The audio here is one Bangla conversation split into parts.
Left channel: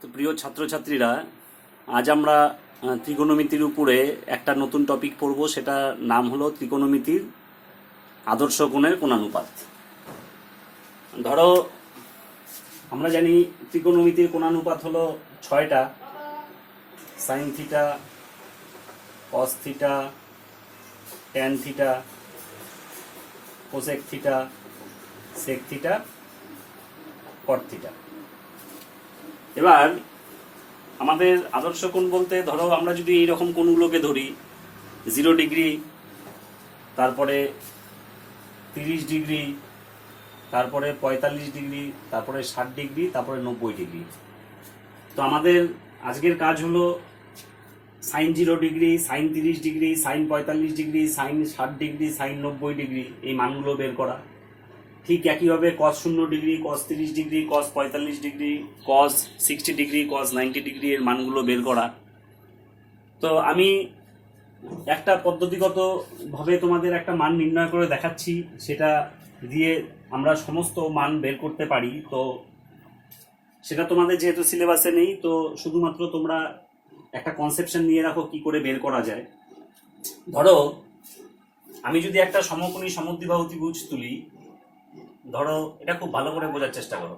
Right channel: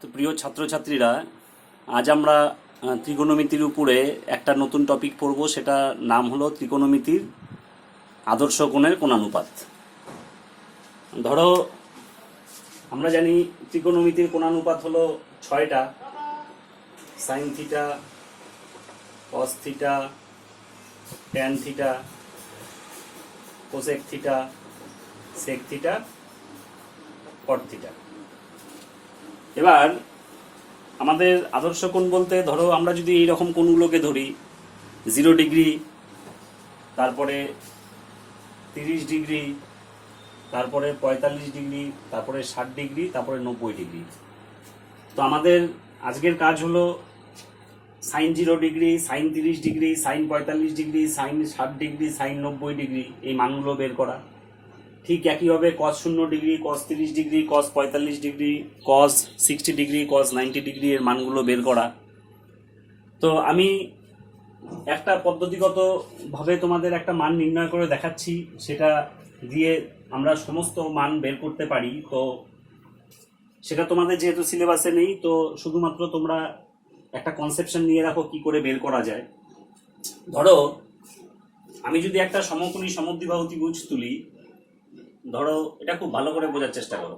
তো প্রিয় ছাত্রছাত্রীরা, আজ আমরা ত্রিকোণমিতির উপরে একটা নতুন টপিক পড়ব। সেটা নাম হলো ত্রিকোণমিতির আদর্শ কোণের কোণানুপাত। ধরো, আমরা জানি ত্রিকোণমিতির কোণানুপাত হলো 6টা: sine theta, cos theta, tan theta, cosec theta, sec theta, cot theta. এবার আমাদের আদর্শ কোণ বলতে, ধরো আমরা যদি এইরকম কোণগুলোকে ধরি, 0 ডিগ্রি, তারপরে 30 ডিগ্রি, তারপরে 45 ডিগ্রি, তারপরে 60 ডিগ্রি, তারপরে 90 ডিগ্রি। তো আমাদের আজকের কাজ হলো sine 0 degree, sine 30 degree, sine 45 degree, sine 60 degree, sine 90 degree এই মানগুলো বের করা। ঠিক একইভাবে cos 0 degree, cos 30 degree, cos 45 degree, cos 60 degree, cos 90 degree এর মানগুলো বের করা। তো আমি একটা পদ্ধতিগতভাবে তোমাদের একটা মান নির্ণয় করে দেখাচ্ছি, সেটা দিয়ে আমরা সমস্ত মান বের করতে পারি। তো সেটা তোমাদের যেহেতু সিলেবাসে নেই, তো শুধুমাত্র তোমরা একটা কনসেপশন নিয়ে রাখো কি করে বের করা যায়। ধরো, আমি যদি একটা সমকোণী সমদ্বিবাহু ত্রিভুজ তুলি, ধরো এটা খুব ভালো করে বোঝার চেষ্টা করো।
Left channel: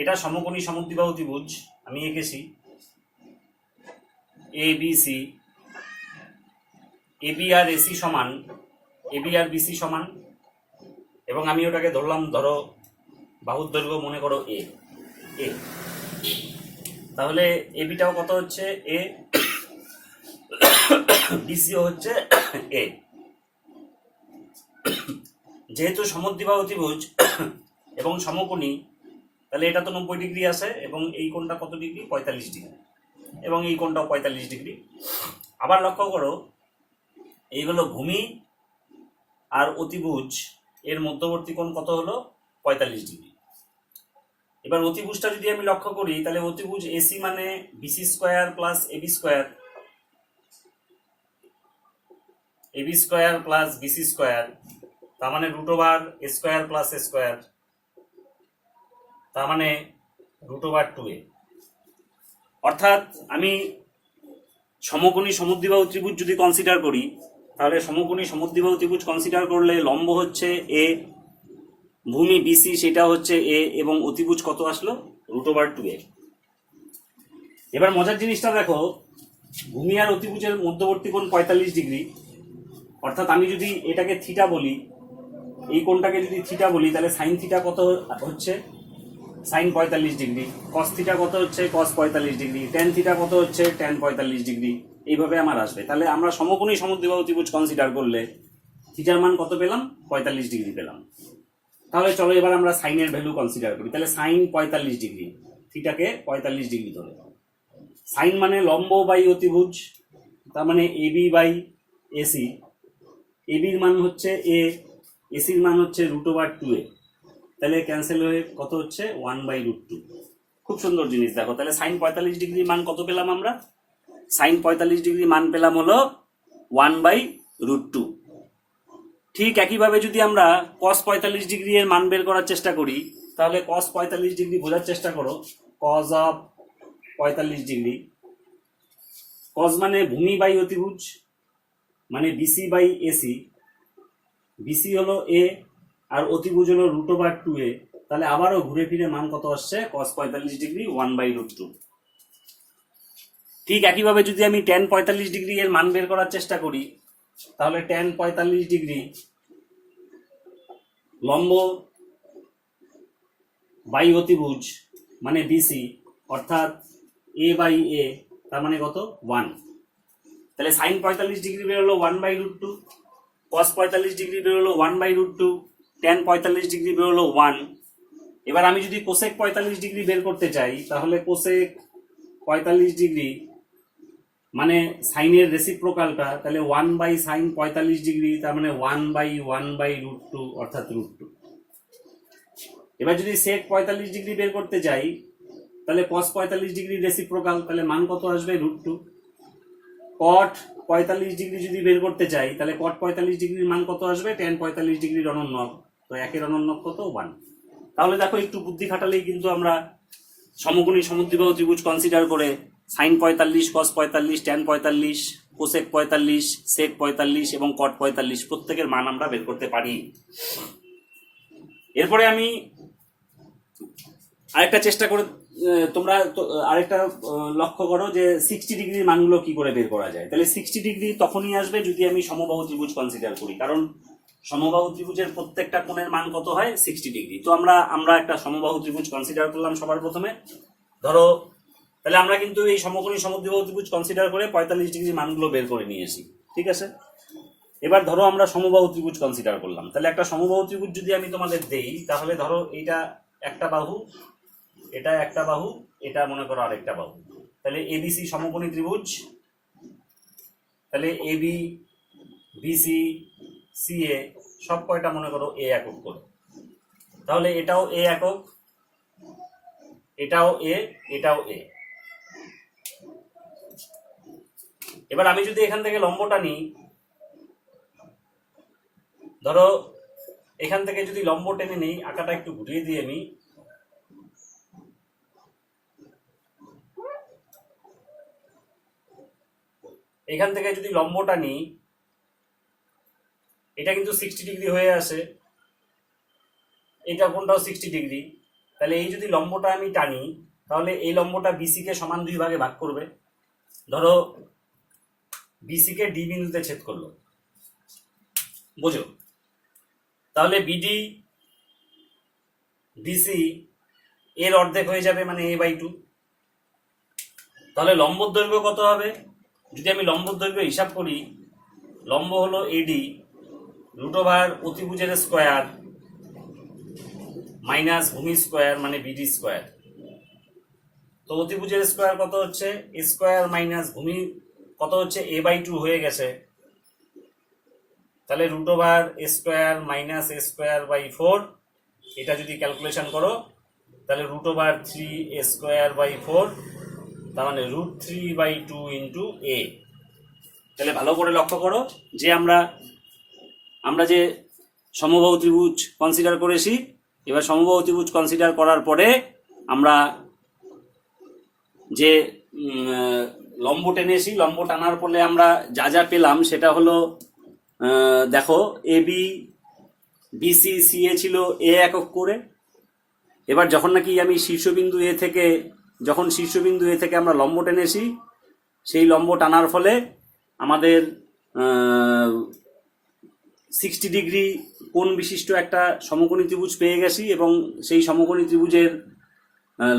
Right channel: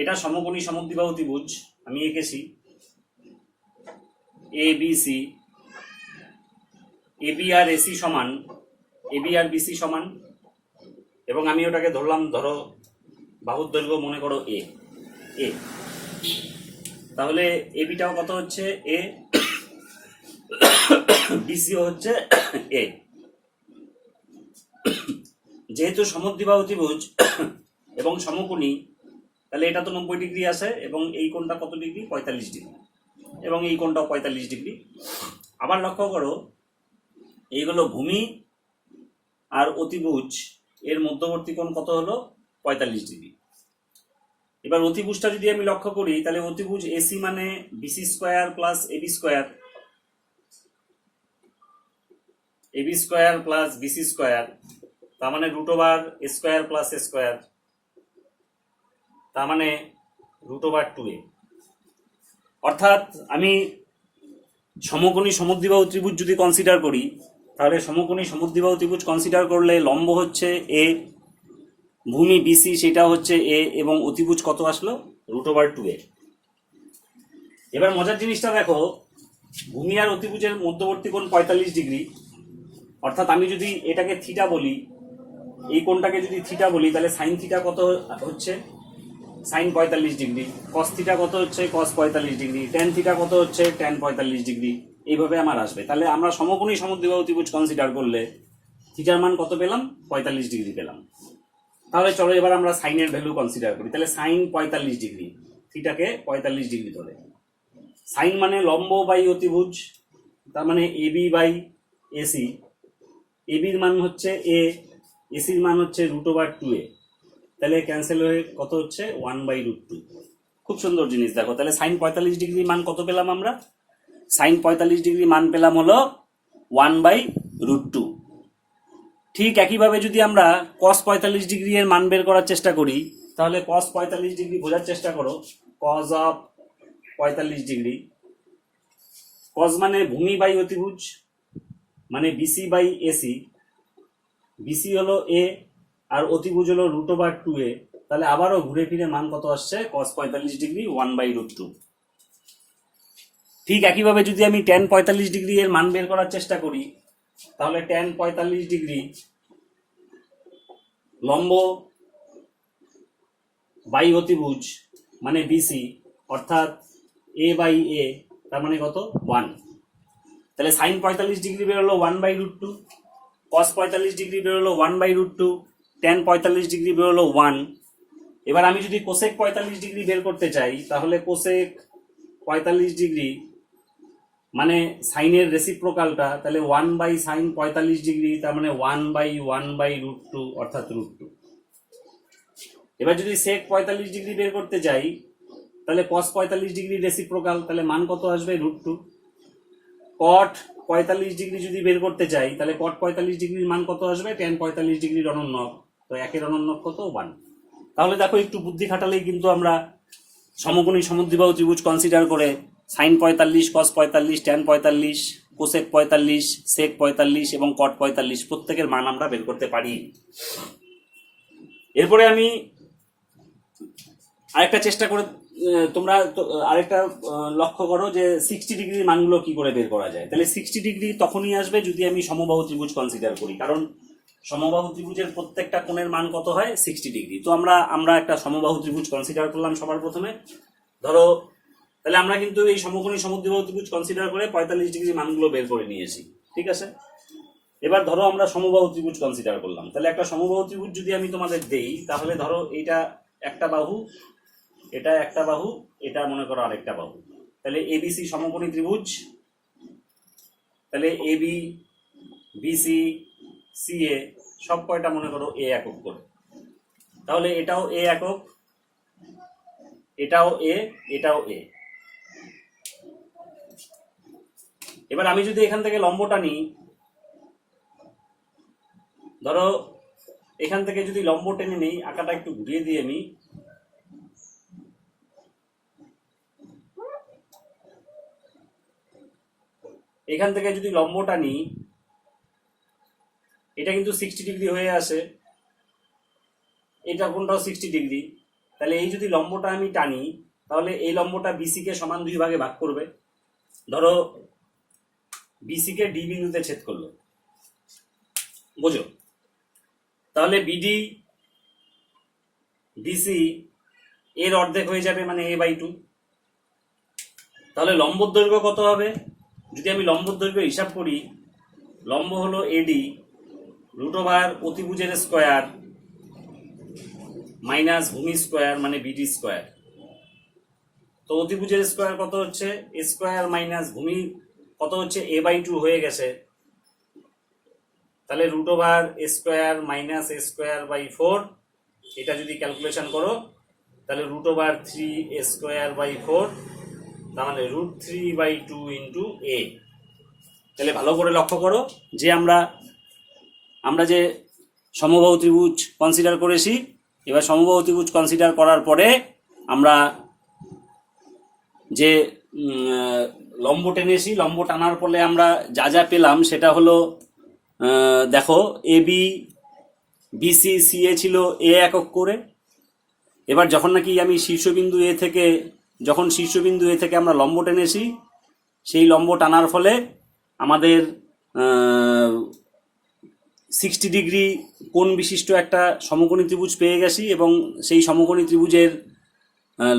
এটা সমকোণী সমদ্বিবাহু ত্রিভুজ আমি এঁকেছি, A B C, A B R AC সমান, এ বি আর বিসি সমান, এবং আমি ওটাকে ধরলাম, ধরো বাহুর দৈর্ঘ্য মনে করো এ এ। তাহলে এ বিটাও কত হচ্ছে এ, বিসিও হচ্ছে এ। যেহেতু সমদ্বিবাহু ত্রিভুজ এবং সমকোণী, তাহলে এটা তো 90 ডিগ্রি আসে, এবং এই কোণটা কত ডিগ্রি? 45 ডিগ্রি, এবং এই কোণটাও 45 ডিগ্রি। আবার লক্ষ্য করো, এইগুলো ভূমি আর অতিভুজ এর মধ্যবর্তী কোণ কত হলো? 45 ডিগ্রি। এবার অতিভুজটা যদি আমি লক্ষ্য করি, তাহলে অতিভুজ এসি মানে BC square plus AB square, AB square plus BC square, তার মানে √ওভার A square plus A square, তার মানে √ওভার 2a। অর্থাৎ আমি সমকোণী সমদ্বিবাহু ত্রিভুজ যদি কনসিডার করি, তাহলে সমকোণী সমদ্বিবাহু ত্রিভুজ কনসিডার করলে লম্ব হচ্ছে এ, ভূমি বিসি সেটা হচ্ছে এ, এবং অতিভুজ কত আসলো? √Over 2a। এবার মজার জিনিসটা দেখো, ভূমি আর অতিভুজের মধ্যবর্তী কোণ 45 ডিগ্রি। অর্থাৎ আমি যদি এটাকে থিটা বলি, এই কোণটাকে যদি থিটা বলি, তাহলে সাইন থিটা কত হচ্ছে? Sign 45 degree. কস থিটা কত হচ্ছে? কস 45 ডিগ্রি। ট্যান থিটা কত হচ্ছে? Tan 45 degree. এইভাবে আমার আসবে। তাহলে আমরা সমকোণী সমদ্বিবাহু ত্রিভুজ কনসিডার করলে থিটার মান কত পেলাম? 45 ডিগ্রি পেলাম। তাহলে চলো এবার আমরা সাইনের ভ্যালু কনসিডার করি। তাহলে সাইন 45 ডিগ্রি, থিটাকে 45 ডিগ্রি ধরে। সাইন মানে লম্ব বাই অতিভুজ, তার মানে এবি বাই এসি। এবির মান হচ্ছে এ, এসির মান হচ্ছে √ওভার 2a। তাহলে ক্যান্সেল হয়ে কত হচ্ছে? 1/√2। খুব সুন্দর জিনিস দেখো। তাহলে সাইন 45 ডিগ্রি মান কত পেলাম আমরা? সাইন 45 ডিগ্রি মান পেলাম হলো 1/√2। ঠিক একইভাবে যদি আমরা কস 45 ডিগ্রি এর মান বের করার চেষ্টা করি, তাহলে কস 45 ডিগ্রি বোঝার চেষ্টা করো। কস অফ 45 ডিগ্রি, কস মানে ভূমি বাই অতিভুজ, মানে বিসি বাই এসি। বিসি হলো এ আর অতিভুজ হলো √ওভার 2a। তাহলে আবারও ঘুরে ফিরে মান কত আসছে? কস 45 ডিগ্রি 1/√2। ঠিক একইভাবে যদি আমি ট্যান 45 ডিগ্রি এর মান বের করার চেষ্টা করি, তাহলে ট্যান 45 ডিগ্রি লম্ব বাই অতিভুজ মানে বিসি, অর্থাৎ এ বাই এ, তার মানে কত? 1। তাহলে সাইন 45 ডিগ্রি বেরোলো 1/√2, কস 45 ডিগ্রি বেরোলো 1/√2, ট্যান 45 ডিগ্রি বেরোলো 1। এবার আমি যদি কোসেক 45 ডিগ্রি বের করতে চাই, তাহলে কোসেক 45 ডিগ্রি মানে সাইনের রেসিপ্রোকালটা, তাহলে 1/sin 45 ডিগ্রি, তার মানে 1/1/√2 অর্থাৎ √2। এবার যদি সেক 45 ডিগ্রি বের করতে চাই, তাহলে cos 45 ডিগ্রি রেসিপ্রোকাল, তাহলে মান কত আসবে? √2। কট 45 ডিগ্রি যদি বের করতে চাই, তাহলে কট 45 ডিগ্রির মান কত আসবে? ট্যান 45 ডিগ্রির অনন্যক। তো একের অনন্যক কত? 1। তাহলে দেখো, একটু বুদ্ধি খাটালেই কিন্তু আমরা সমকোণী সমদ্বিবাহু ত্রিভুজ কনসিডার করে সাইন 45, কস 45, ট্যান 45, কোসেক 45, সেক 45 এবং কট 45 প্রত্যেকের মান আমরা বের করতে পারি। এরপরে আমি আরেকটা চেষ্টা করে তোমরা আরেকটা লক্ষ্য করো যে 60 ডিগ্রির মানগুলো কি করে বের করা যায়। তাহলে 60 ডিগ্রি তখনই আসবে যদি আমি সমবাহু ত্রিভুজ কনসিডার করি, কারণ সমবাহু ত্রিভুজের প্রত্যেকটা কোণের মান কত হয়? 60 ডিগ্রি। তো আমরা একটা সমবাহু ত্রিভুজ কনসিডার করলাম সবার প্রথমে। ধরো তাহলে আমরা কিন্তু এই সমকোণী সমদ্বিবাহু ত্রিভুজ কনসিডার করে 45 ডিগ্রি মানগুলো বের করে নিয়েছি, ঠিক আছে। এবার ধরো আমরা সমবাহু ত্রিভুজ কনসিডার করলাম। তাহলে একটা সমবাহু ত্রিভুজ যদি আমি তোমাদের দেই, তাহলে ধরো এইটা একটা বাহু, এটা একটা বাহু, এটা মনে করো আরেকটা বাহু। তাহলে এবিসি সমকোণী ত্রিভুজ। তাহলে এবি, বিসি, সিএ সব কয়টা মনে করো এ একক করে। তাহলে এটাও এ একক, এটাও এ, এটাও এ। এবার আমি যদি এখান থেকে লম্বটা নিই, ধরো এখান থেকে যদি লম্ব টেনে নিই, আঁকাটা একটু ঘুরিয়ে দিই আমি, এখান থেকে যদি লম্বটা নিই, এটা কিন্তু 60 ডিগ্রি হয়ে আসে, এটা কোনটাও 60 ডিগ্রি। তাহলে এই যদি লম্বটা আমি টানি, তাহলে এই লম্বটা বিসি কে সমান 2 ভাগে ভাগ করবে। ধরো বিসি কে ডি বিন্দুতে ছেদ করলো, বোঝো? তাহলে বিডি বিসি এর অর্ধেক হয়ে যাবে, মানে a/2। তাহলে লম্বর দৈর্ঘ্য কত হবে? যদি আমি লম্বর দৈর্ঘ্য হিসাব করি, লম্ব হলো এডি √ অতিভুজের স্কোয়ার মাইনাস ভূমি স্কোয়ার মানে বিডি স্কোয়ার। তো অতিভুজের স্কোয়ার কত হচ্ছে? এ স্কোয়ার মাইনাস ভূমি কত হচ্ছে? a/2 হয়ে গেছে। তাহলে √ A square minus A square by 4, এটা যদি ক্যালকুলেশন করো তাহলে √3 এ স্কোয়ার বাই 4, তার মানে √3/2 ইন্টু এ। তাহলে ভালো করে লক্ষ্য করো যে আমরা যে সমবাহু ত্রিভুজ কনসিডার করেছি। এবার সমবাহু ত্রিভুজ কনসিডার করার পরে আমরা যে লম্ব টেনেছি, লম্ব টানার ফলে আমরা যা যা পেলাম সেটা হলো, দেখো এবি বিসি সিএ ছিল এ একক করে। এবার যখন নাকি আমি শীর্ষবিন্দু এ থেকে আমরা লম্ব টেনেছি, সেই লম্ব টানার ফলে আমাদের 60 ডিগ্রি কোণ বিশিষ্ট একটা সমকোণী ত্রিভুজ পেয়ে গেছি, এবং সেই সমকোণী ত্রিভুজের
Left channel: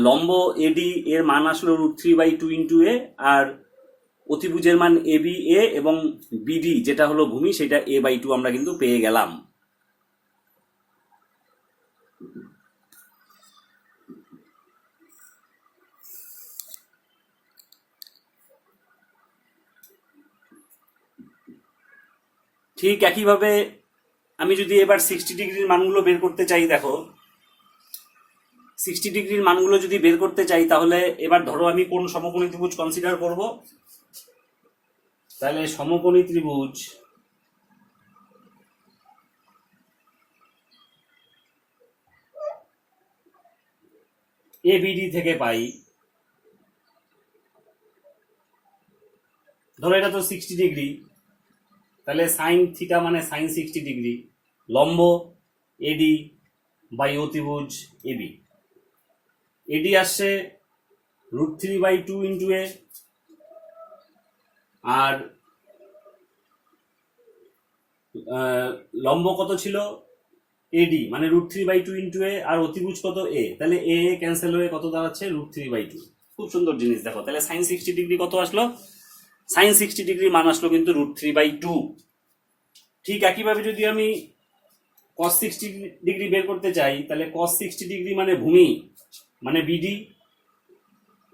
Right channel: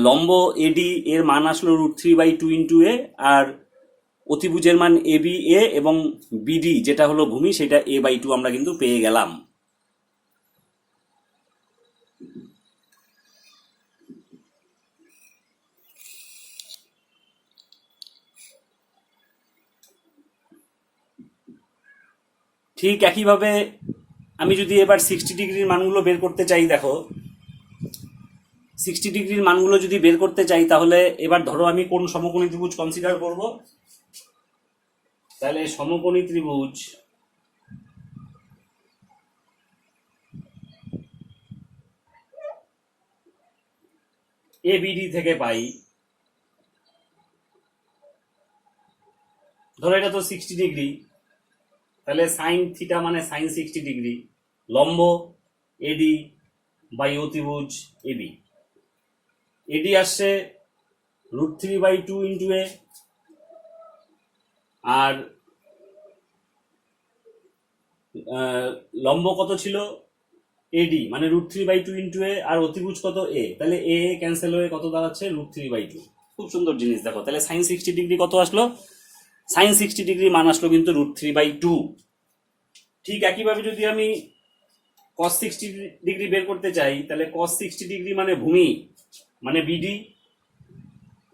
লম্ব এডি এর মান আসলো √3/2 ইন্টু এ, আর অতিভুজের মান এবি এ এবং বিডি যেটা হলো ভূমি সেটা a/2 আমরা কিন্তু পেয়ে গেলাম। ঠিক একইভাবে আমি যদি এবার 60 ডিগ্রির মানগুলো বের করতে চাই, দেখো 60 ডিগ্রির মানগুলো যদি বের করতে চাই, তাহলে এবার ধরো আমি কোন সমকোণী ত্রিভুজ কনসিডার করব। তাহলে সমকোণী ত্রিভুজ এবিডি থেকে পাই, ধরো এটা তো 60 ডিগ্রি, তাহলে সাইন থিটা মানে সাইন 60 ডিগ্রি, লম্ব এডি বাই অতিভুজ এবি। এডি আসছে √3/2 ইন্টু এ, আর লম্ব কত ছিল? এডি মানে √3/2 ইন্টু এ, আর অতিভুজ কত? এ। তাহলে এ ক্যান্সেল হয়ে কত দাঁড়াচ্ছে? √3/2। খুব সুন্দর জিনিস। দেখো তাহলে সাইন 60 ডিগ্রি কত আসলো? সাইন 60 ডিগ্রি মান আসলো কিন্তু √3/2। ঠিক একইভাবে যদি আমি cos 60 ডিগ্রি বের করতে চাই, তাহলে cos 60 ডিগ্রি মানে ভূমি মানে বিডি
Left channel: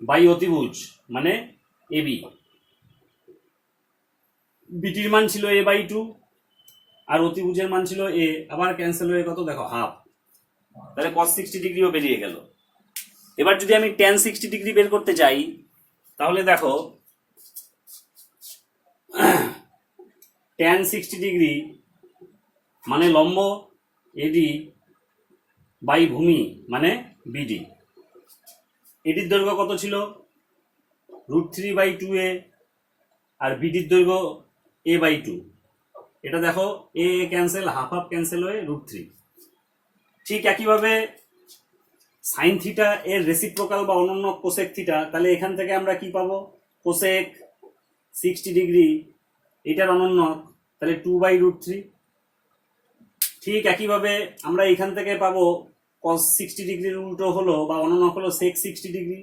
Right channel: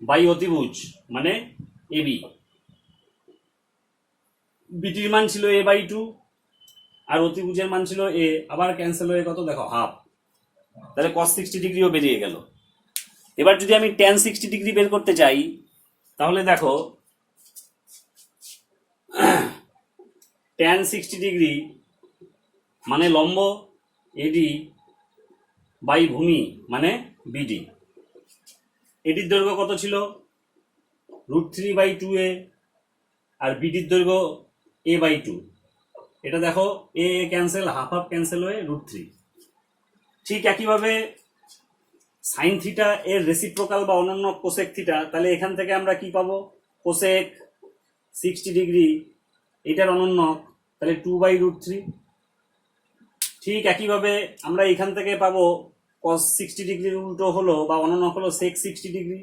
বাই অতিভুজ মানে এবি। বিডির মান ছিল a/2 আর অতিভুজের মান ছিল এ, আবার ক্যান্সেল হয়ে কত? দেখো হাফ। তাহলে cos 60 ডিগ্রিও বেরিয়ে গেল। এবার যদি আমি tan 60 ডিগ্রি বের করতে চাই, তাহলে দেখো tan 60 ডিগ্রি মানে লম্ব এডি বাই ভূমি মানে বিডি। এটির দৈর্ঘ্য কত ছিল √3/2a, আর বিডির দৈর্ঘ্য a/2। এটা দেখো এ ক্যান্সেল, হাফ হাফ ক্যান্সেল হয়ে √3। ঠিক একইভাবে সাইন থিটা এর রেসিপ্রোকাল বা অনন্য কোসেক থিটা, তাহলে এখান থেকে আমরা কি পাবো, কোসেক 60 ডিগ্রি এটার অনন্য, তাহলে 2/√3। ঠিক একইভাবে আমরা এখান থেকে পাবো cos 60 ডিগ্রির উল্টো হলো বা অনন্য হলো sec 60 ডিগ্রি,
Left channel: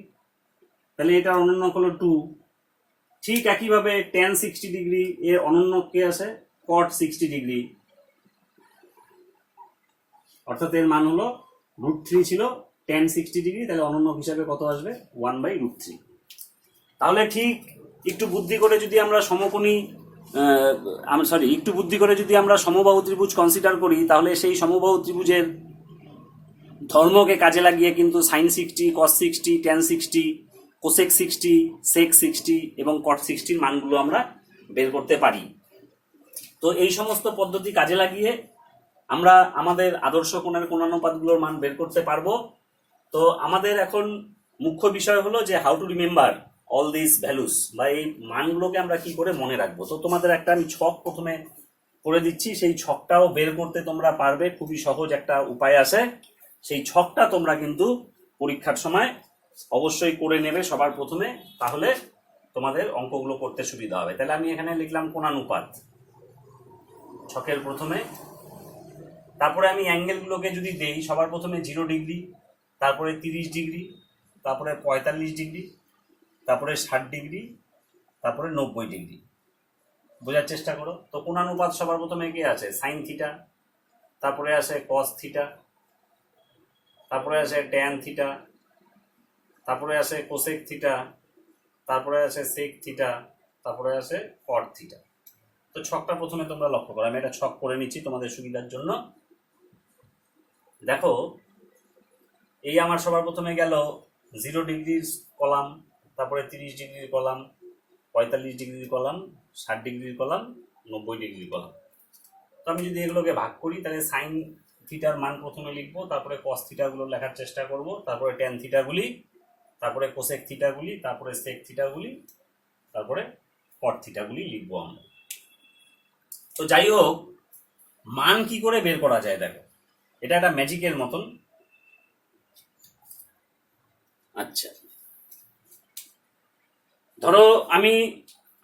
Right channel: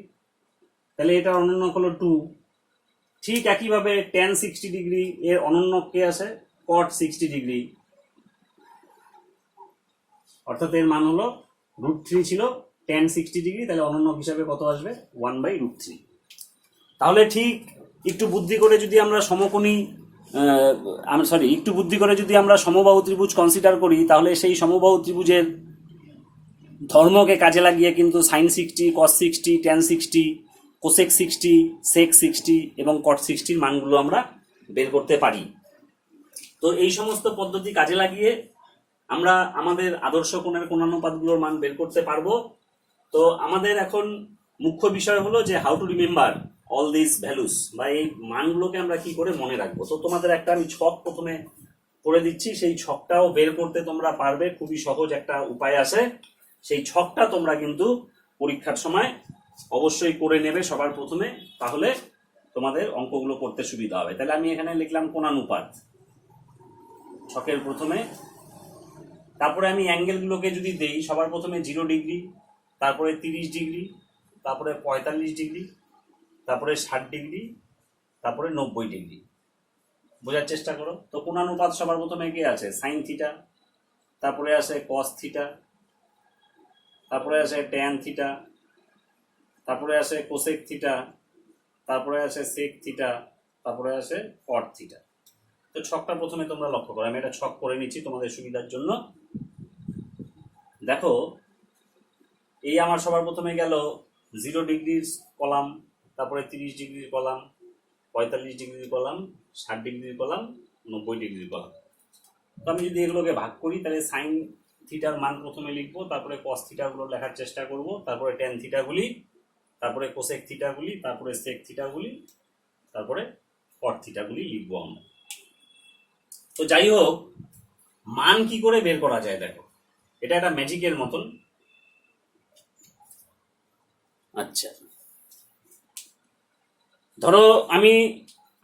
তাহলে এটার অনন্য হলো 2। ঠিক একইভাবে tan 60 ডিগ্রি এর অনন্য কে আসে cot 60 ডিগ্রি, অর্থাৎ এর মান হলো √3 ছিল tan 60 ডিগ্রি, তাহলে অনন্য হিসাবে কত আসবে 1/√3। তাহলে ঠিক একটু বুদ্ধি করে যদি আমরা সমবাহু ত্রিভুজ কনসিডার করি, তাহলে সেই সমবাহু ত্রিভুজের ধর্মকে কাজে লাগিয়ে কিন্তু sin 60, cos 60, tan 60, cosec 60, sec 60 এবং cot 60 মানগুলো আমরা বের করতে পারি। তো এই সমস্ত পদ্ধতি কাজে লাগিয়ে আমরা আমাদের আদর্শ কোণের কোণানুপাতগুলোর মান বের করতে পারবো। তো আমাদের এখন মুখ্য বিষয় হলো যে how to remember all this values, বা এই মানগুলোকে আমরা কি করে মনে রাখবো। তো তোমাদের একটা আমি ছক প্রথমে করে দিচ্ছি, সেই ছকটাও বের করতে তোমরা পারবে, খুবই সহজ একটা উপায় আছে। সেই ছকটা তোমরা কিন্তু পরীক্ষার সময় অবশ্যই করে নেবে সবার প্রথমে, তাহলে তোমাদের অঙ্কগুলো করতে সুবিধা হবে। তাহলে আমি এখানে লিখলাম কোণানুপাত ছকের প্রথমে, তারপরে আমি অ্যাঙ্গেলগুলোকে যদি দেই, সবার প্রথমে 0 ডিগ্রি, তারপরে 30 ডিগ্রি, তারপরে 45 ডিগ্রি, তারপরে 60 ডিগ্রি, তারপরে 90 ডিগ্রি। বোঝার চেষ্টা করো। তো কোণানুপাত সবার প্রথমে কে আছে সাইন থিটা, তারপরে আসে কস থিটা, তারপরে আসে ট্যান থিটা, তারপরে আসে কোসেক থিটা, তারপরে আসে সেক থিটা, তারপরে আসে কট থিটা। তো ছকটা প্রথমে তোমরা লক্ষ্য করো, আমি একটা ছক করে নিচ্ছি তোমাদের সুবিধার জন্য। দেখো এই আমার সবার প্রথমে গেল 0 ডিগ্রির কলাম, তারপরে 30 ডিগ্রির কলাম, 45 ডিগ্রির কলাম, 60 ডিগ্রির কলাম, 90 ডিগ্রির কলাম। তো আমি যদি এগুলোকে ভাগ করি, তাহলে সাইন থিটার মান প্রথমে লিখবো, তারপরে কস থিটাগুলো লেখার চেষ্টা করব, তারপরে ট্যান থিটাগুলি, তারপরে কোসেক থিটাগুলি, তারপরে সেক থিটাগুলি, তারপরে কট থিটাগুলি লিখবো আমরা। তো যাই হোক, মান কি করে বের করা যায় দেখো, এটা একটা ম্যাজিকের মতন। আচ্ছা, ধরো আমি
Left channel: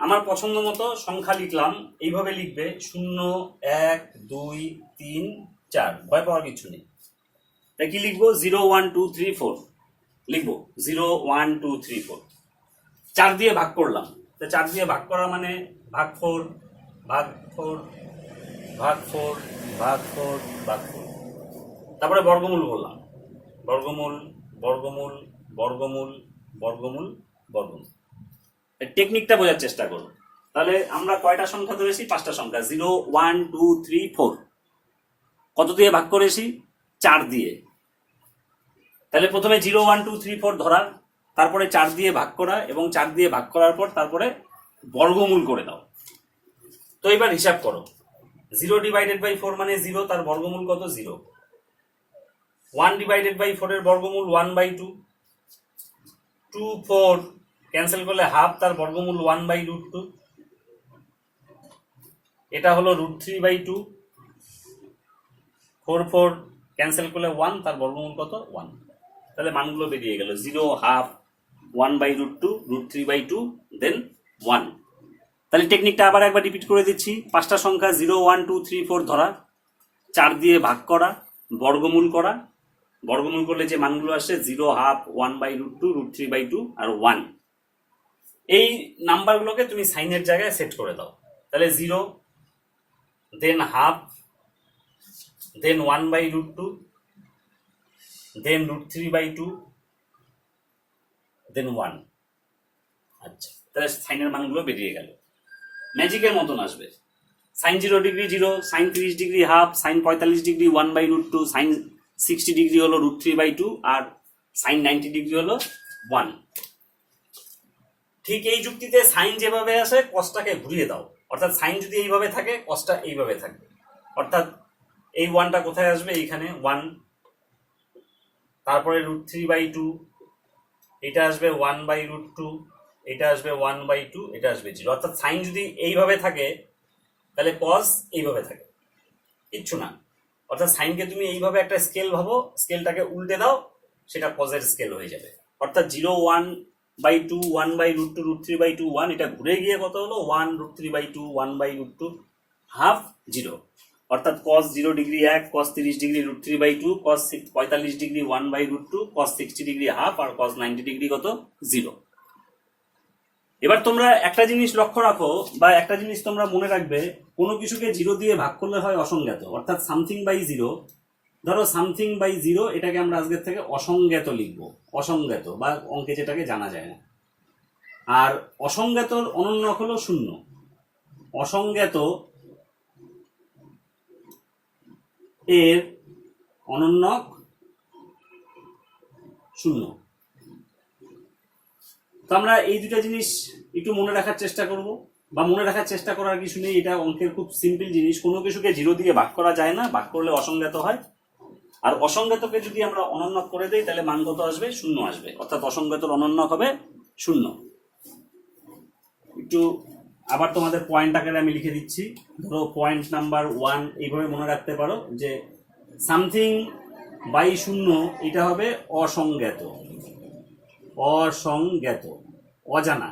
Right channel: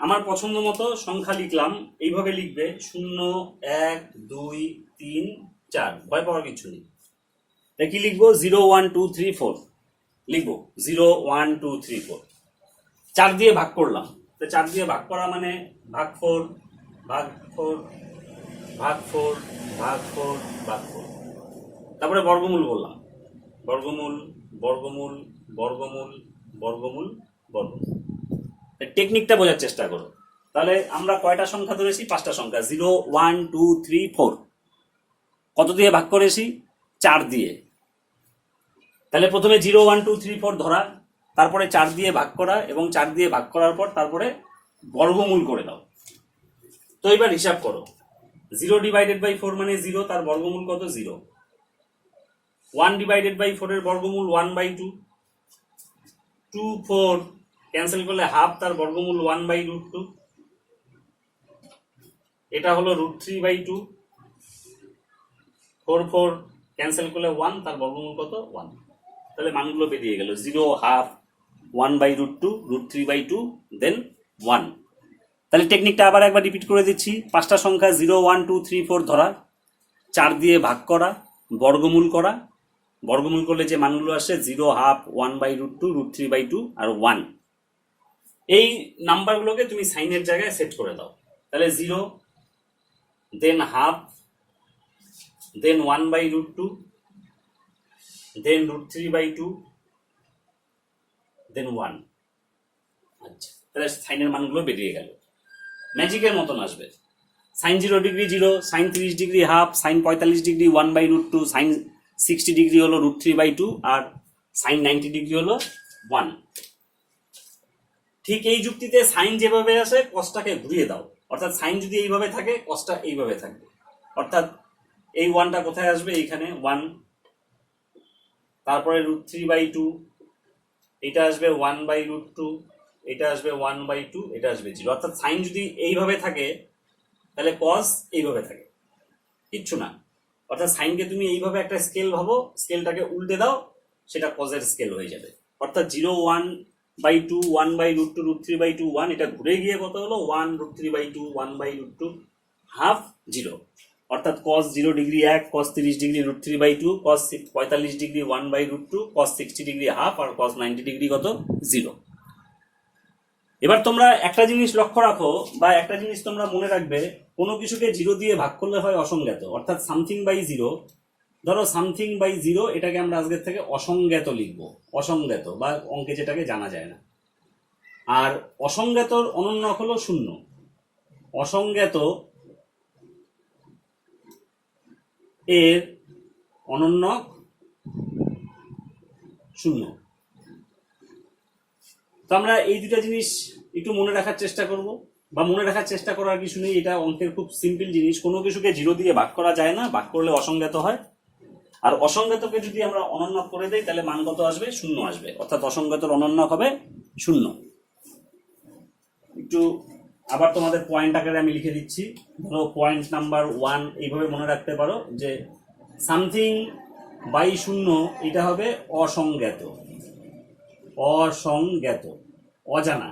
আমার পছন্দ মতো সংখ্যা লিখলাম, এইভাবে লিখবে 0, 1, 2, 3, 4, ভয় পাওয়ার কিছু নেই। তাই কি লিখবো 0, 1, 2, 3, 4 লিখবো 0, 1, 2, 3, 4। 4 দিয়ে ভাগ করলাম, তো 4 দিয়ে ভাগ করা মানে ভাগ 4, ভাগ 4, ভাগ 4, ভাগ 4, ভাগ 4। তারপরে বর্গমূল করলাম, বর্গমূল, বর্গমূল, বর্গমূল, বর্গমূল, বর্গমূল। টেকনিকটা বোঝার চেষ্টা করো। তাহলে আমরা কয়টা সংখ্যা ধরেছি, 5টা সংখ্যা, 0, 1, 2, 3, 4। কত দিয়ে ভাগ করেছি 4 দিয়ে। তাহলে প্রথমে 0, 1, 2, 3, 4 ধরা, তারপরে 4 দিয়ে ভাগ করা, এবং 4 দিয়ে ভাগ করার পর তারপরে বর্গমূল করে দাও। তো এবার হিসাব করো, 0 ডিভাইডেড বাই 4 মানে 0, তার বর্গমূল কত 0। 1 ডিভাইডেড বাই 4 এর বর্গমূল 1/2। 2, 4 ক্যান্সেল করলে হাফ, তার বর্গমূল 1/√2। এটা হলো √3/2। 4, 4 ক্যান্সেল করলে 1, তার বর্গমূল কত 1। তাহলে মানগুলো বেরিয়ে গেল 0, হাফ, 1/√2, √3/2, দেন 1। তাহলে টেকনিকটা আবার একবার রিপিট করে দিচ্ছি। 5টা সংখ্যা 0, 1, 2, 3, 4 ধরা, 4 দিয়ে ভাগ করা, বর্গমূল করা, বর্গমূল করলে যে মানগুলো আসে 0, হাফ, 1/√2, √3/2 আর 1। এই নাম্বারগুলোকে তুমি সাইনের জায়গায় সেট করে দাও। তাহলে 0, দেন হাফ, দেন 1/√2, দেন √3/2, দেন 1। আচ্ছা, তাহলে সাইনের মানগুলো বেরিয়ে গেল, ম্যাজিকের মতন আসবে। Sine 0 degree 0, sine 30 degree half, sine 45 degree 1/√2, sine 60 degree হলো √3/2, আর সাইন 90 ডিগ্রি হলো 1। ঠিক এই যুক্তিতে সাইন যেভাবে আসে কসটাকে ঘুরিয়ে দাও, অর্থাৎ সাইন যদি এইভাবে থাকে কসটা এইভাবে থাকবে, অর্থাৎ এই 1টা কোথায় আসবে, এইখানে 1, তারপরে √3/2, এটা আসবে 1/√2, এটা আসবে 1/2, এটা আসবে 0। অর্থাৎ সাইন যদি এইভাবে থাকে তাহলে কস এইভাবে থাকে, কিচ্ছু না। অর্থাৎ সাইনকে তুমি এইভাবে একটা স্কেল ভাবো, স্কেলটাকে উল্টে দাও, সেটা কজের স্কেল হয়ে যাবে। অর্থাৎ 0, 1/2, 1/√2, √3/2, 1, এটা ঘুরে গিয়ে কত হলো 1, √3/2, 1/√2, হাফ 0। অর্থাৎ cos 0 degree 1, cos 30 degree √3/2, cos 45 degree 1/√2, cos 60 degree half, আর cos 90 ডিগ্রি কত 0। এবার তোমরা একটা জিনিস লক্ষ্য রাখো, বা একটা জিনিস তোমরা মনে রাখবে, কোনো কিছুকে 0 দিয়ে ভাগ করলে হয় অসংজ্ঞাত। অর্থাৎ সামথিং বাই 0, ধরো সামথিং বাই 0, এটাকে আমরা আজকের থেকে অসংজ্ঞাত লিখবো, অসংজ্ঞাত বা অঙ্কে যেটাকে জানা যায় না। আর অসংজ্ঞাতর অনন্যক হলো 0। অসংজ্ঞাত এর অনন্যক 0। তো আমরা এই দুটা জিনিস একটু মনে রাখার চেষ্টা করব, বা মনে রাখার চেষ্টা করার কিছু নেই, এটা অঙ্কের খুব সিম্পল জিনিস। কোনো কিছুকে 0 দিয়ে ভাগ করা যায় না, ভাগ করলে অসংজ্ঞাত হয়। আর অসংজ্ঞাতকে যদি আমরা অনন্যক করে দেই তাহলে মান কত আসবে, 0 আসবে। অর্থাৎ অসংজ্ঞাতর অনন্যক হবে 0। একটু আবার তোমাদের পয়েন্ট আকারে আমি লিখে দিচ্ছি। ধরো পয়েন্ট নাম্বার 1 এইভাবে মনে রাখতে পারো যে সামথিং বাই 0 এটা হবে অসংজ্ঞাত, অসংজ্ঞাত, অজানা।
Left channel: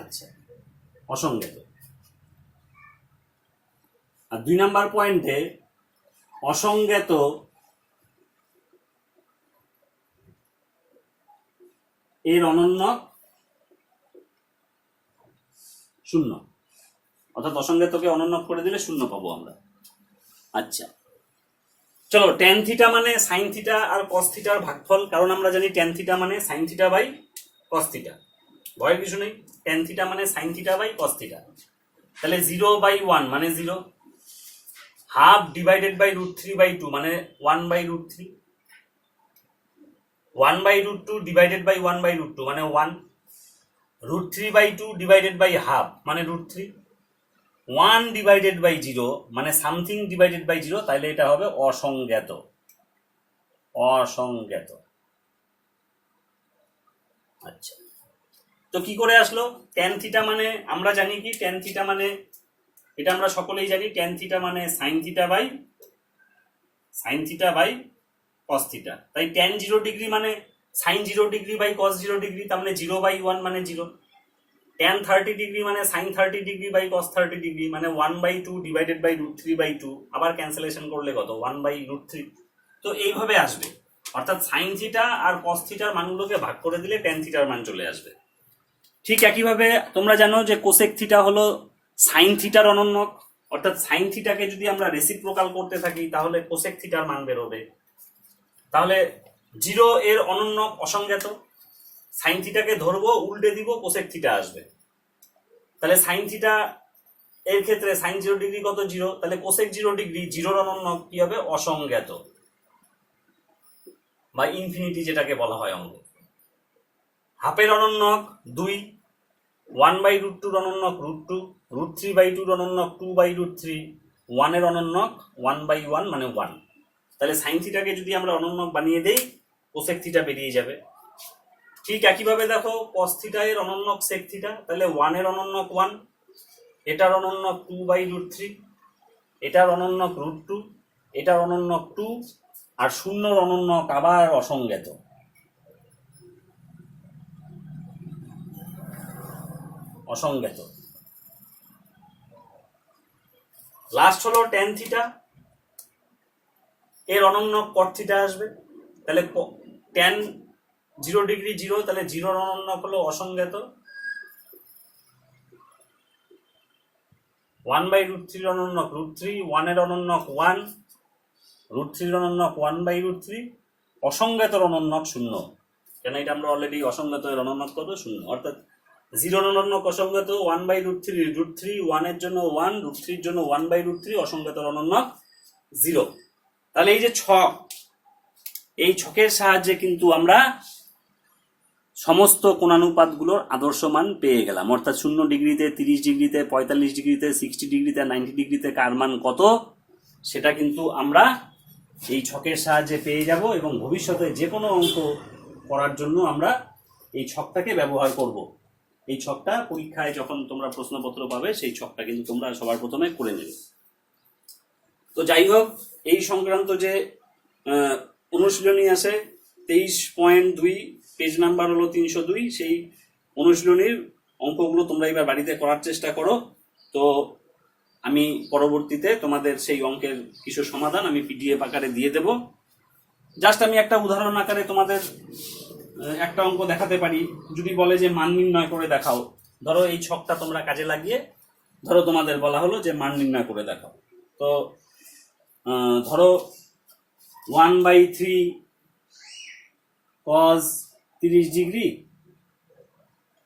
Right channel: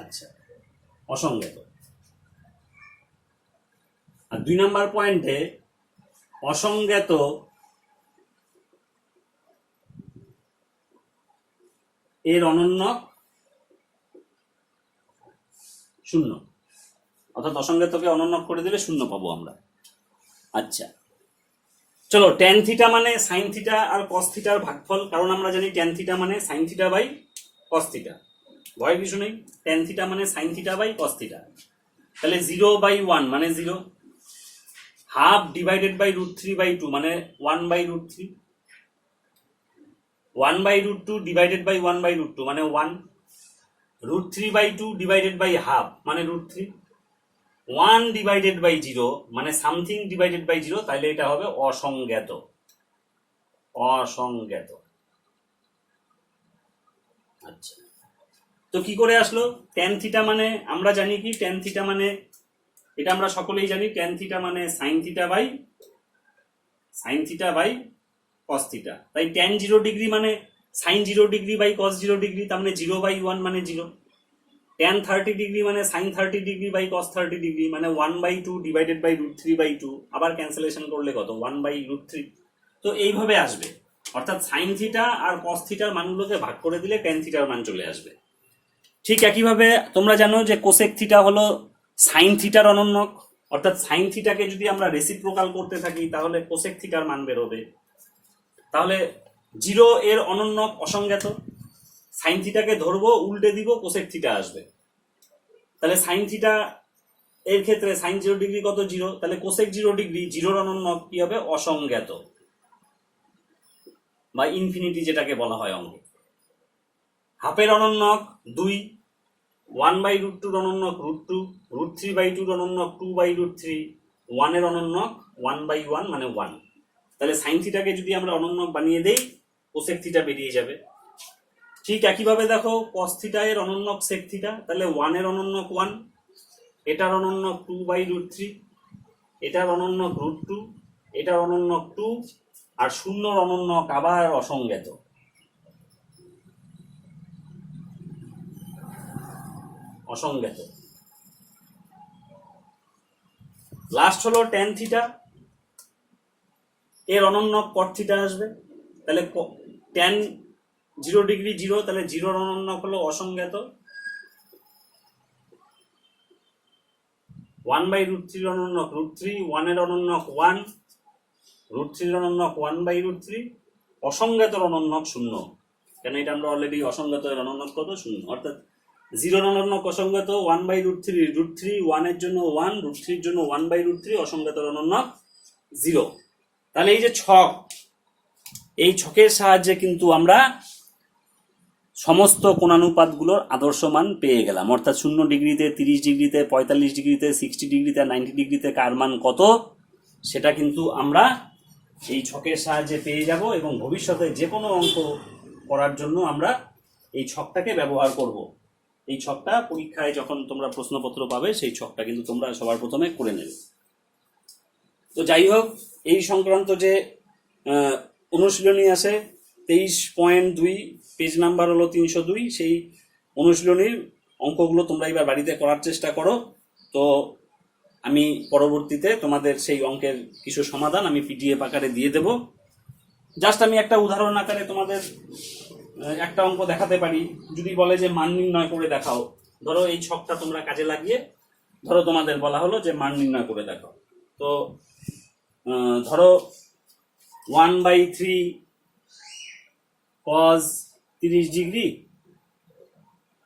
আচ্ছা, অসংজ্ঞাত। আর 2 নাম্বার পয়েন্টে অসংজ্ঞাত এর অনন্যক 0। অর্থাৎ অসংজ্ঞাতকে অনন্যক করে দিলে 0 পাবো আমরা। আচ্ছা, চলো, ট্যান থিটা মানে সাইন থিটা আর কস থিটার ভাগফল, কারণ আমরা জানি ট্যান থিটা মানে sine theta by cos theta. ভয়ের কিছু নেই, ট্যান থিটা মানে sine theta by cos theta. তাহলে 0/1 মানে 0, হাফ ডিভাইডেড বাই √3/2 মানে 1/√3, 1/√2 ডিভাইডেড বাই 1/√2 মানে 1, √3/2 ডিভাইডেড বাই হাফ মানে √3, 1 ডিভাইডেড বাই 0 মানে সামথিং ডিভাইডেড বাই 0। তাইলে এটা হবে অসংজ্ঞাত, অসংজ্ঞাত। আচ্ছা, তো কি করে আসলো ট্যান থিটা মানে? আমরা জানি কি ট্যান থিটা মানে, এটা আমরা সকলেই জানি, ট্যান থিটা মানে sine theta by cos theta. তাই ট্যান 0 ডিগ্রি মানে sine 0 degree by cos 0 degree, তার মানে 0/1 মানে 0। ট্যান 30 ডিগ্রি মানে sine 30 degree by cos 30 degree মানে 1/2 ডিভাইডেড বাই √3/2, আবার ক্যান্সেলেশন করলে কত 1/√3। তো এইভাবে আসবে। অর্থাৎ সাইন থিটা আর কস থিটার মানগুলোকে ভাগ করে দিলে ট্যান থিটার মান চলে আসবে। ঠিক একইভাবে তোমরা জানো যে কোসেক থিটা হলো সাইন থিটার অনন্যক। অর্থাৎ সাইন থিটাকে যদি আমরা রেসিপ্রোকাল করতে থাকি তাহলে কোসেক থিটার মান বেরোবে। তাহলে 0 এর অনন্যক অসংজ্ঞাত, সাইন থিটাকে ধরবো, উল্টে দিব, কোসেক থিটা আসবে। তাহলে সাইন থিটা এর ক্ষেত্রে সাইন 0 ডিগ্রি কত 0, তাহলে কোসেক 0 ডিগ্রি 0 অনন্যক কি হবে, অসংজ্ঞাত বা ইনফিনিটি যেটাকে বলা হয় অঙ্কে। হাফের অনন্যক 2, 1/√2 অনন্যক √2, √3/2 অনন্যক 2/√3, 1 এর অনন্যক 1/1 মানে 1। তাহলে সাইন থিটাকে যদি আমরা অনন্যক বানিয়ে দেই কোসেক থিটা বেরিয়ে যাবে। ঠিক একইভাবে দেখো কস থিটা এর অনন্যক সেক থিটা, তাহলে 1 এর অনন্যক 1, এটার অনন্যক 2/√3, এটার অনন্যক √2, এটার অনন্যক 2, আর 0 অনন্যক আবার অসংজ্ঞাত। অসংজ্ঞাত। লাস্ট হলো ট্যান থিটা, এর অনন্যক কট থিটা আসবে। তাহলে ট্যান 0 ডিগ্রি 0, তাহলে 0 অনন্যক হলো অসংজ্ঞাত। 1/√3 অনন্যক √3, 1 এর অনন্যক 1, √3 অনন্যক 1/√3, অসংজ্ঞাতর অনন্যক 0। কেন এটা আমরা অলরেডি অসংজ্ঞাত এর অনন্যক কত 0। অর্থাৎ 0 অনন্যক অসংজ্ঞাত 1/√3, √3, 1 এর জন্য 1, √3 এর জন্য 1/√3, অসংজ্ঞাতর অনন্যক 0। তাহলে এই যে ছক, এই ছকের সাহায্যে কিন্তু আমরা সমস্ত কোণানুপাতগুলোর আদর্শ মান পেয়ে গেলাম। অর্থাৎ 0 ডিগ্রিতে, 30 ডিগ্রিতে, 45 ডিগ্রিতে, 60 ডিগ্রিতে, 90 ডিগ্রিতে কার মান কত সেটা কিন্তু আমরা এই ছকের সাহায্যে পেয়ে যাব, এবং ভবিষ্যতে যে কোনো অঙ্ক করার জন্য আমরা এই ছকটাকে ব্যবহার করব। এই ছকটা পরীক্ষায় যখন তোমরা প্রশ্নপত্র পাবে সেই ছকটা কিন্তু তোমরা সবার প্রথমে করে নেবে। তো যাই হোক, এই সংক্রান্ত যে অনুশীলনী আছে 23.2, পেজ নাম্বার হলো 302, সেই অনুশীলনীর অঙ্কগুলো তোমরা এবার বাড়িতে করার চেষ্টা করো। তো আমি পরবর্তীতে তোমাদের সেই অঙ্কের কিছু সমাধান আমি পিডিএফ আকারে দিয়ে দেব। জাস্ট আমি একটা উদাহরণ আকারে তোমাদের একটা অঙ্ক দেখাতে পারি। যদি বলে যে মান নির্ণয় করে দেখাও, ধরো এই ছকটা তোমরা কাজে লাগিয়ে ধরো তোমাদের বলা হলো যে মান নির্ণয় করে দেখাও। তো ধরো 1/3 cos 30 degree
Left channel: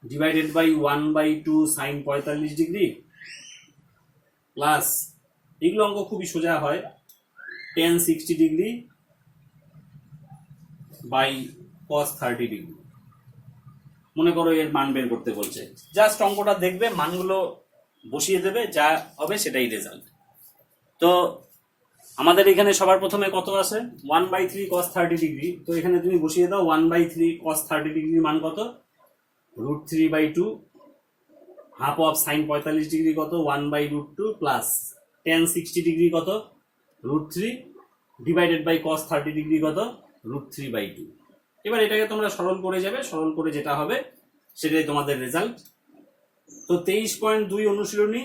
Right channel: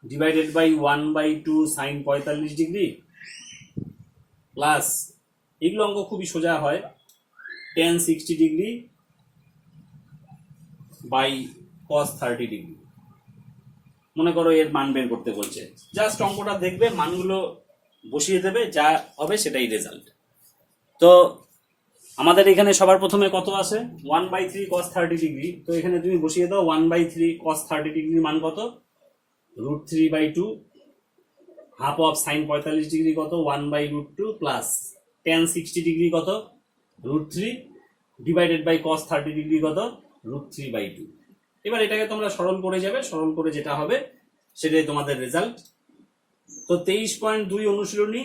divided by 1/2 sin 45 degree plus, এগুলো অঙ্ক খুবই সোজা হয়, tan 60 degree by cos 30 degree. মনে করো এর মান বের করতে বলছে, জাস্ট অঙ্কটা দেখবে, মানগুলো বসিয়ে দেবে, যা হবে সেটাই রেজাল্ট। তো আমাদের এখানে সবার প্রথমে কত আছে, 1/3 cos 30 ডিগ্রি। তো এখানে তুমি বসিয়ে দাও 1/3 cos 30 ডিগ্রির মান কত, √3/2, হাফ অফ সাইন 45 ডিগ্রি কত, 1/√2 প্লাস tan 60 ডিগ্রি কত, √3 ডিভাইডেড বাই cos 30 ডিগ্রি কত, √3/2। এবার এটাকে তোমরা সরল করে যাবে, সরল করে যেটা হবে সেটাই তোমাদের রেজাল্ট। তো 23.2 অনুশীলনী,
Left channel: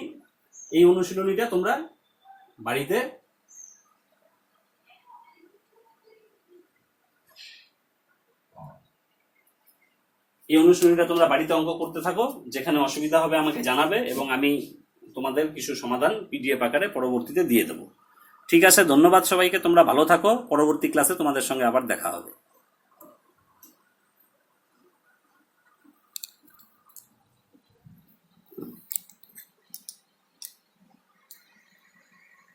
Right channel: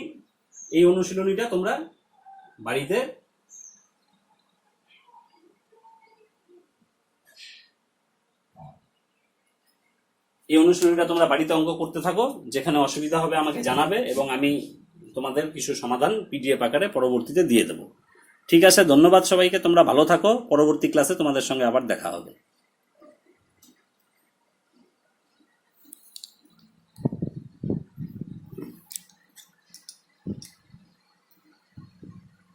এই অনুশীলনীটা তোমরা বাড়িতে অঙ্ক করতে থাকো। যেখানে অসুবিধা হবে আমাকে জানাবে এবং আমি তোমাদের কিছু সমাধান পিডিএফ আকারে পরবর্তীতে দিয়ে দেবো। ঠিক আছে, ধন্যবাদ সবাইকে, তোমরা ভালো থাকো। পরবর্তী ক্লাসে তোমাদের সঙ্গে আবার দেখা হবে।